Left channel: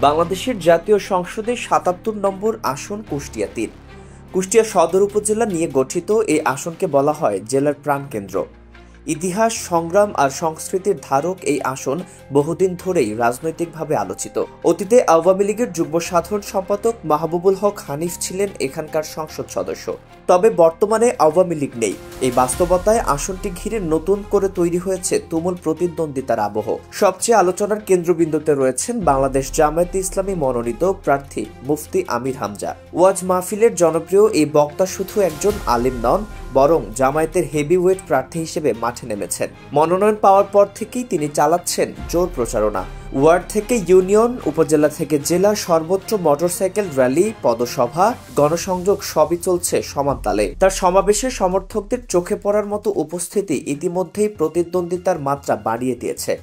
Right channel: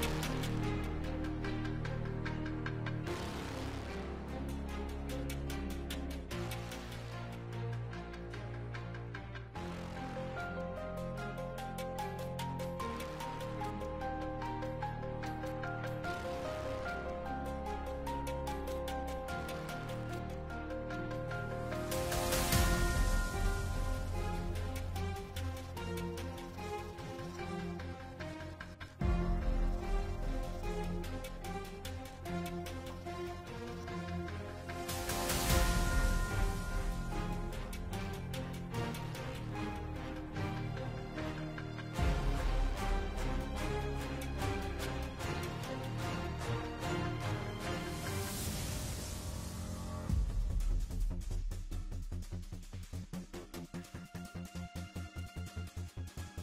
বাংলাদেশের জাতীয় সংসদে ৭৭ নম্বর আসন কুষ্টিয়া-৩। কুষ্টিয়া সদর উপজেলা নিয়ে গঠিত এই আসনকে বলা হয় জেলার প্রাণকেন্দ্র। ইতিহাস, সংগ্রাম আর সংস্কৃতির ধারক এই আসন বহুদিন ধরেই রাজনৈতিকভাবে আলোচিত। অতীতে আওয়ামী লীগের যুগ্ম সাধারণ সম্পাদক মাহবুবুল হক হানিফ ছিলেন এখানকার সংসদ সদস্য। তবে বর্তমানে আওয়ামী লীগ নেই। এই বাস্তবতায় আসনটি ঘিরে নতুন করে তৈরি হয়েছে তুমুল প্রতিদ্বন্দ্বিতার আবহ। সবচেয়ে আলোচনার কেন্দ্রবিন্দুতে রয়েছেন বাংলাদেশ জামায়াতে ইসলামী মনোনীত প্রার্থী মুফতি আমির হামজা। ওয়াজ মাহফিলের জনপ্রিয় এই বক্তা শুধু একজন আলিম নন, বরং জামায়াতের হেভিওয়েট প্রার্থী হিসেবে মাঠে নেমেছেন। মনোনয়ন পাওয়ার পর থেকেই তিনি চালাচ্ছেন জোর প্রচারণা। ওয়ার্ড থেকে ইউনিয়ন, উপজেলা থেকে জেলা, সর্বত্র মোটরসাইকেল র্যালি, পদসভা, গণসংযোগ সবই চলছে সমান তালে। তার সমাবেশে সমর্থকদের চোখে পড়ার মতো উপস্থিতি ইতিমধ্যেই প্রতিদ্বন্দ্বিতার মাত্রা বাড়িয়ে দিয়েছে।